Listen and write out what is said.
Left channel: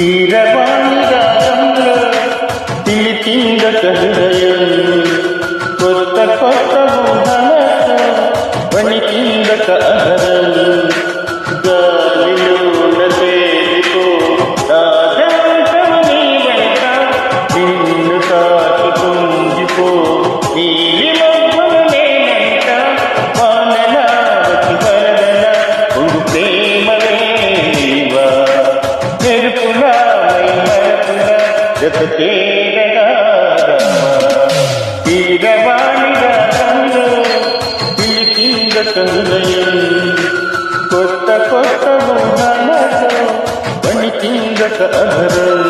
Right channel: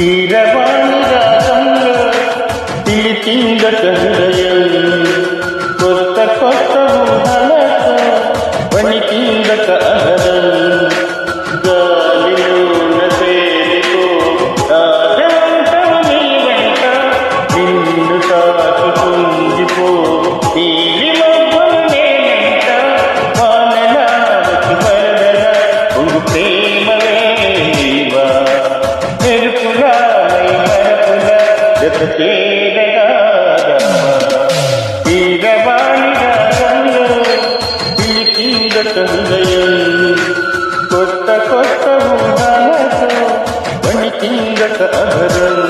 కీరవాణి రాగంలో పిలిచిందట హృదయం, కొత్త కొత్త ఊహలతో వణికిందట అహరం. గాలిలోన తేలిపో రాజంతము నీ వెంట, నిన్ను తాకి పొంగిపో నీలి మబ్బులు నేనంట. వానలా వచ్చి వరదల పొంగు ప్రేమవే నీవా, మెరుపులా మై మరపుల జత చేరగా రావా. కీరవాణి రాగంలో పిలిచిందట హృదయం, కొత్త కొత్త ఊహలతో వణికిందట అధరం.